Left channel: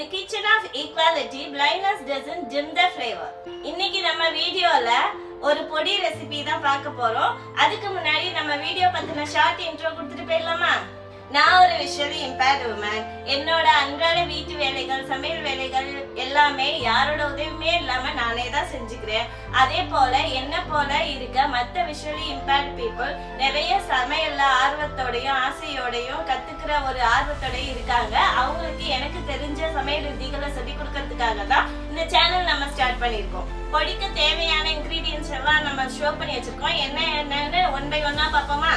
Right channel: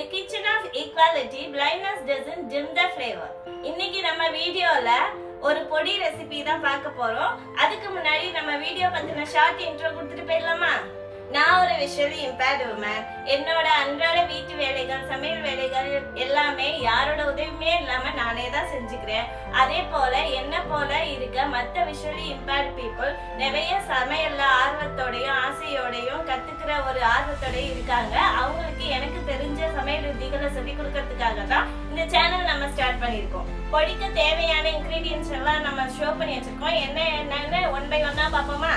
Kitchen of equality blindness dozen dim the flavour இன்னைக்கு நம்ம வீடியோல ஒரு பொடி ரெசிபி தான் பார்க்க போறோம். அதுக்கு முன்னாடி நம்ம வீடியோ பத்தின ஷார்ட் இன்ட்ரோ கொடுத்துட்டு போயிடலாமா? நான் ஒரு விஷுவலி இம்பேர்ட் உமன் என்னோட அன்றாட வீட்டு வேலைகள் சமையல் வேலைகள் எல்லாமே யாரோட உதவியுமே இல்லாம நானே தான் செஞ்சுக்கிறேன். அதே போல என்ன போல இருக்க மற்ற விஷுவலி இம்பேர்ட் பீப்புள் நிறைய சமையல்ல ஆர்வத்தோடையும் ஆசையோடையும் கத்துக்கிற ஒரு ஆர்வத்தோடையும் இருக்காங்க. அவங்களுக்கு எனக்கு தெரிஞ்ச சமையல் விதிகளை சொல்லி கொடுக்கறதுக்காக தான் இந்த சேனல் நம்ம ஸ்டார்ட் பண்ணியிருக்கோம். பொடிக்கு தேவையான இன்க்ரீடியன்ஸ் எல்லாம் நம்ம ஷோ பண்ணி வச்சிருக்கோம். என்ன என்னன்னு ஒன் பை ஒன்னா பார்ப்போமா?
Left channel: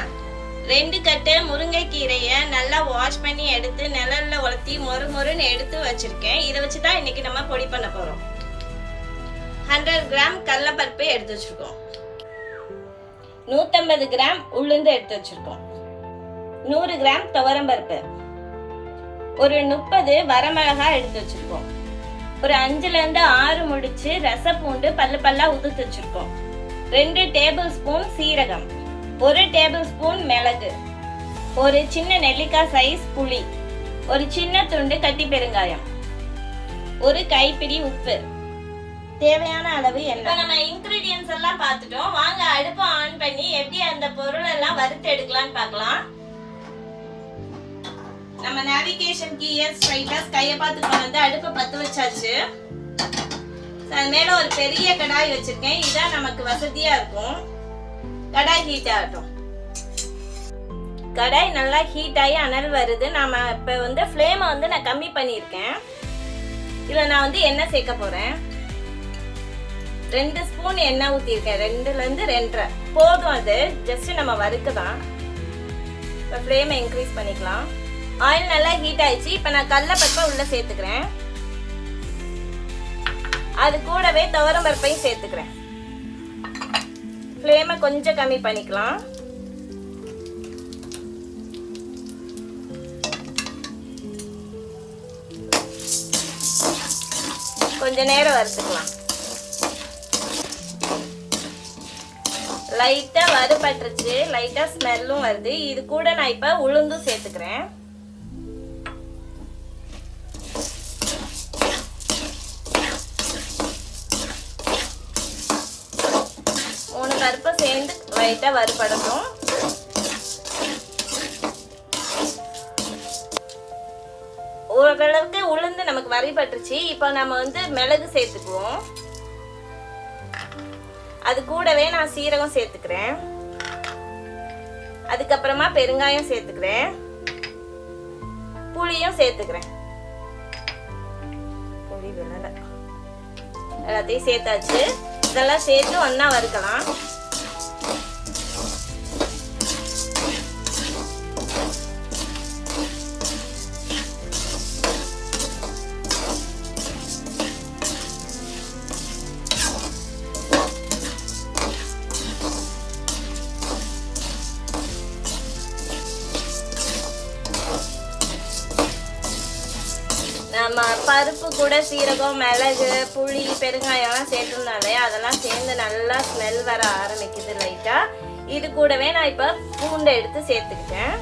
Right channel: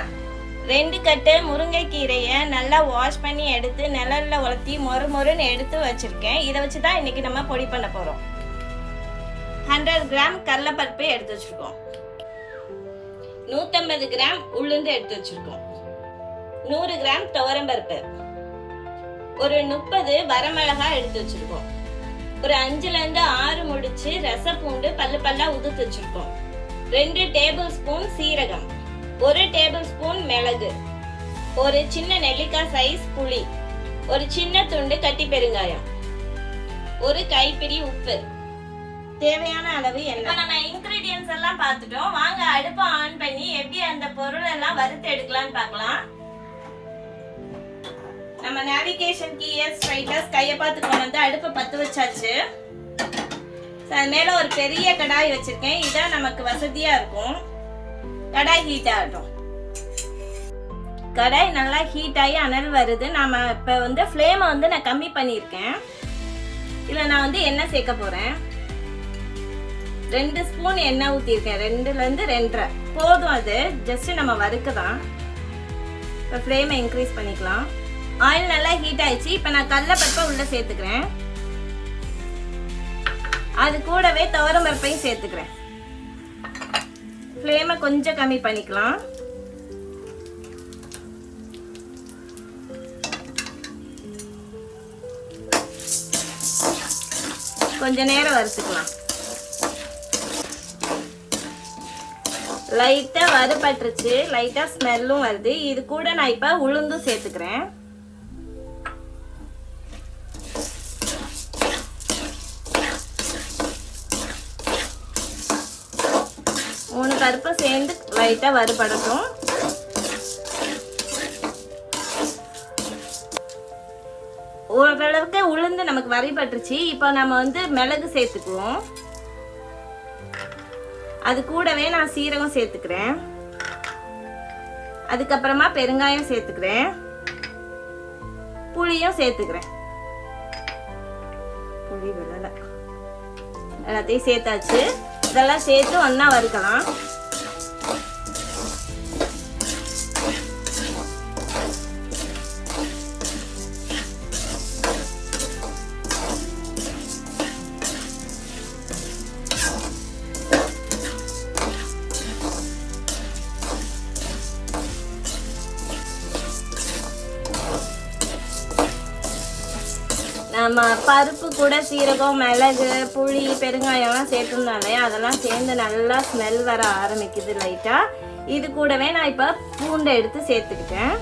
ரெண்டு கட்டு முருங்கைக்கீரையை நல்லா வாஷ் பண்ணி எடுத்து நிழல்ல உலர்த்தி மொறு மொறுன்னு எடுத்து வச்சிருக்கேன். இதை வச்சு தான் இன்னைக்கு நம்ம பொடி பண்ண போறோம். ஹண்ட்ரட் கிராம் கடலப்பருப்பு எடுத்து வச்சிருக்கோம். நூற்றம்பது கிராம் உளுந்து எடுத்து வச்சிருக்கோம். நூறு கிராம் துவரம்பருப்பு. ஒரு முப்பது வரமிளகா எடுத்து வச்சிருக்கோம். ஒரு அஞ்சுல இருந்து ஆறு முடிச்சு ரசப்பூண்டு பல்லு பல்லா உதுத்து வச்சிருக்கோம். ரெண்டு டேபிள் ஸ்பூன் சீரகம். ஒரு டேபிள் ஸ்பூன் மிளகு ஒரு சின்ன நெல்லிக்காய் சைஸ் புளி ஒரு சின்ன துண்டு கட்டி பெருங்காயம் ஒரு கைப்பிடி உப்பு. தேவையான அளவு என்ன நம்ம இன்கிரீடியன்ஸ் எல்லாம் பார்த்துட்டோம். வாங்க அடுப்பை ஆன் பண்ணி எப்படி அந்த பொருள் எல்லாம் வறுத்து எடுக்கலாம்னு பார்க்கலாம். நம்ம நேவிகேஷன் கீயர்ஸ் ஸ்ட்ரைட்டர்ஸ் கையை பார்த்து வந்து அடுப்பை பத்து வச்சாச்சு. அது மேல ஒரு பெரிய கடாய் வச்சிருக்கேன். இதான் நமக்கு வசதியா இருக்கும். கடாய் ஹீட் ஆகட்டும். கடாய் நல்லா ஹீட் ஆகி அனல் வருது. நாம இப்போ வந்து ஃப்ளேமை வந்து நான் கம்மி பண்ணியிருக்கேன். இதில் நான் வந்து எண்ணெய் சேர்க்க போகிறேன் ரெண்டு ஸ்பூன் எண்ணெய் ஊற்றிருக்கேன் ரெண்டுலேருந்து ரெண்டரை. போதும் அது. ஜஸ்ட் நம்ம வறுக்க தான் இப்போ ஃப்ளேமை இன்க்ரீஸ் பண்ணிக்கலாம். ஆயில் நல்லா ஹீட் ஆயிடுச்சு. இப்போ நான் கடலப்பருப்பை உள்ளே சேர்த்துக்கிறேன். அது கூடவே துவரம்பருப்பையும் சேர்த்துக்கிறேன். ஃப்ளேமை கொஞ்சம் கம்மி பண்ணிக்கலாம். கொஞ்ச நேரம் வறுத்துக்கலாம். லைட்டாக வறுபட்டுருச்சு. லைட்டாக ஸ்மெல்லும் வருது. இது கூட நான் இப்போ உளுந்தும் சேர்த்துக்கிறேன். சேர்ந்து லைட்டா வறுபடணும். ஓரளவுக்கு உளுந்து நமக்கு வரிபட்டுருச்சு இப்போ நம்ம வந்து மிளகு சேர்த்துக்குவோம். அது கூடவே நான் சீரகம் சேர்த்துக்கிறேன். அதுக்கப்புறமா பெருங்காயம் சேர்த்துக்கிறேன். புளியும் சேர்த்துக்கிறேன். புளி எல்லாத்தையும் சேர்த்தாச்சு. இதெல்லாம் சேர்த்து ஒண்ணா வறுக்கலாம். நம்ம பருப்பு கூட சீரகம் மிளகு புளி பெருங்காயம்லாம் சேர்த்துனாலே அதெல்லாம் சேர்ந்து நல்லா ஸ்மெல் வர ஆரம்பிக்குது லைட்டா இது கூடவே நான் இப்போ பூண்டை எடுத்து சேர்த்துக்கிட்டேன்.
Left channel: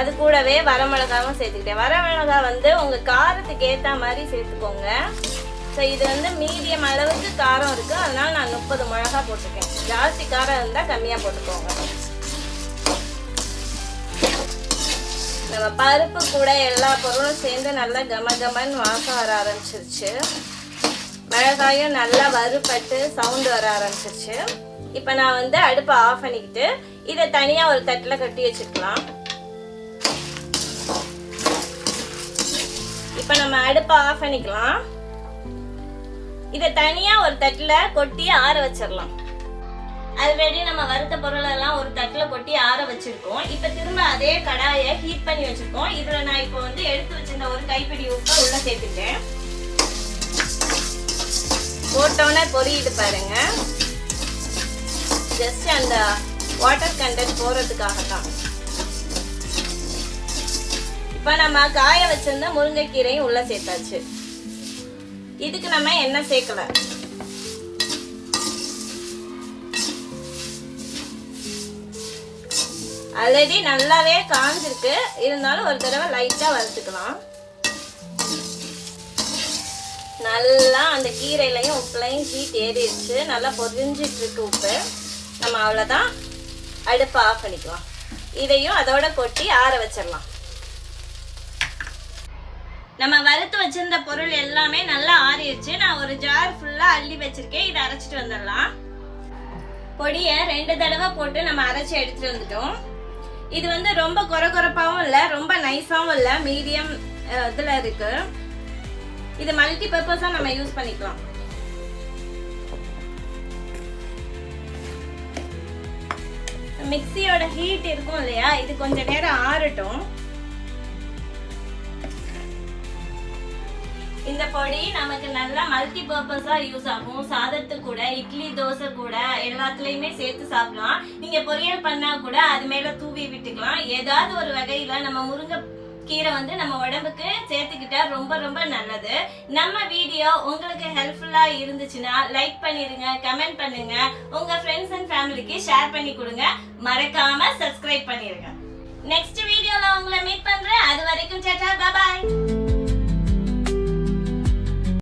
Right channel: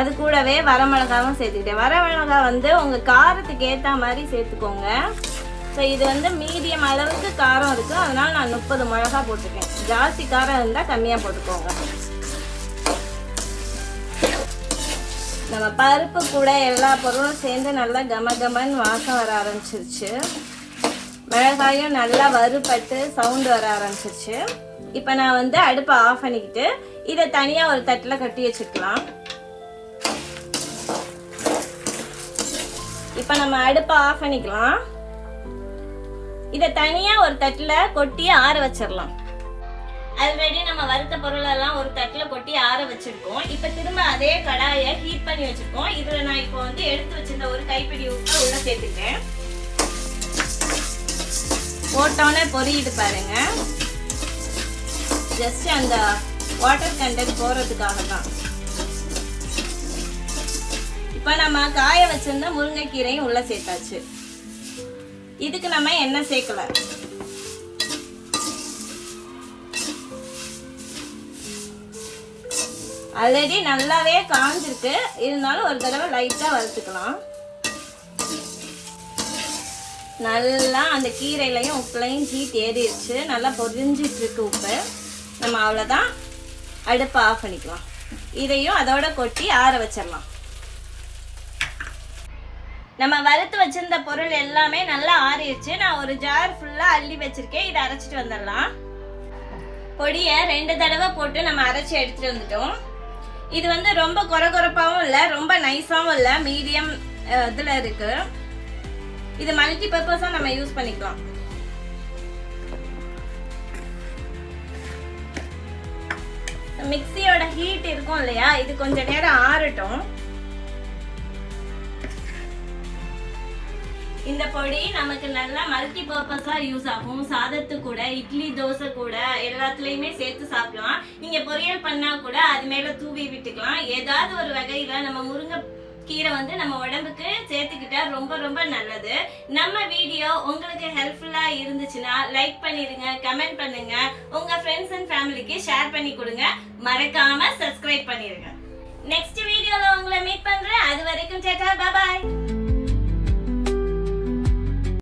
அது கூடவே வரமிளகாவும் சேர்த்துக்கிட்டேன். வரமிளகா வந்து உங்க காரத்துக்கு ஏத்த மாதிரி சேர்த்துக்கோங்க. ஸோ இது வந்து மீடியம் அளவுக்கு காரம் இருக்கு. அதனால நான் முப்பது மிளகா போட்டிருக்கேன். ஜாஸ்தி காரம் இருந்தால் கம்மியாக போட்டுக்கோங்க. நம்ம பருப்பு கூட எல்லா பொருளும் சேர்ந்து நல்லா கம கமன்னு வாசம் வர ஆரம்பிச்சிருச்சு. மிளகாயும் நல்லா வறுபட்டு சவுண்டு வர ஆரம்பிச்சிருச்சு. இப்போ நான் வந்து அடுப்பை ஆஃப் பண்ணிக்கிட்டு இதை தனியாக ஒரு தட்டில் கட்டி வச்சுக்கலாம். இப்போ நம்ம அடுப்பை ஆஃப் பண்ணிக்கலாம். இதை தனியாக ஒரு தட்டில் கொட்டி ஆற வச்சிடலாம். ஆல்ரெடி நம்ம வறுத்த பொருள் எல்லாம் ஒரு தட்டுல கொட்டி ஆற வச்சிருக்கோம். இப்ப திரும்ப அதே கடாயை ஹீட் பண்ணி வச்சிருக்கோம். இதுல நான் இப்போ வந்து எடுத்து வச்சிருந்த ஒரு கைப்பிடி உப்பை உள்ள சேர்த்துட்டேன் போட்டோன்னே பொரியுது பாருங்க. ஜஸ்ட் அந்த வாட்டர் கண்டென்ட் போறதுக்காக தான் இப்போ நம்ம காய வச்சிருந்த முருங்கைக்கீரையும் உள்ள சேர்த்தாச்சு. இதுக்கு நம்ம எண்ணெய் சேர்க்கல? ஆல்ரெடி நல்லாவே காஞ்சிருக்கு. இருந்தாலும் ஒரு தடவை லைட்டாக வறுத்துக்கலாம். நல்லா அந்த கீரையிலையும் உப்புலையும் ஹீட் ஏறிடுச்சு. நல்லா பொரிஞ்சிட்டு இருக்கு உப்பு. நம்ம அவ்வளோதான் அடுப்பை ஆஃப் பண்ணிக்கலாம். இதையும் அதோட கொட்டி ஆற வச்சிடலாம். நம்ம வறுத்து வச்சிருந்த பொருள் எல்லாமே நல்லா ஆறிடுச்சு. நான் ஒரு ஜார் ஃபுல்லாக அள்ளி வச்சிருக்கேன். இதை அரைச்சிட்டு வந்துடலாம். பொடியை ரெண்டு தடவை போட்டு நம்ம அரைச்சி எடுத்துட்டு வந்துட்டோம். இது வந்து ரொம்ப கொர கொரப்பாவும் இல்லை ரொம்ப நைஸாவும் இல்லை மீடியம் இதில் இருக்கு. இது மல்டி பர்பஸாக நம்ம யூஸ் பண்ணிக்கலாம். மிக்சியோட ஹீட் இருக்கும் இல்லையா? இது கொஞ்ச நேரம் ஆறட்டும். இந்த பொடி நமக்கு நல்லா மல்டி பர்பஸா யூஸ் ஆகும். சாதத்து கூட இட்லி தோசை கூட எல்லாத்துலயுமே சேர்த்து சாப்பிடலாம். நீங்க பொரியல் பண்ணா கூட அது மேல தூவி விட்டுக்கலாம். ஏதாவது ஒரு வகையில நம்ம முருங்கை கீரை வந்து நம்ம உடம்புக்கு சேர்த்துக்கிட்டா ரொம்ப ரொம்ப நல்லது. நம்ம வீடியோ உங்களுக்கு ஹெல்ப்ஃபுல்லா இருந்துச்சுன்னா லைக் பண்ணிருங்க கமெண்ட் பண்ணுங்க. உங்க ஃப்ரெண்ட்ஸ் அண்ட் ஃபேமிலிக்கு ஷேர் பண்ணி கொடுங்க. மறக்காம சப்ஸ்கிரைப் பண்ணிருங்க. நெக்ஸ்ட் வீடியோல உங்களை மீட் பண்றேன். அது வரைக்கும் சேட்டா பாய்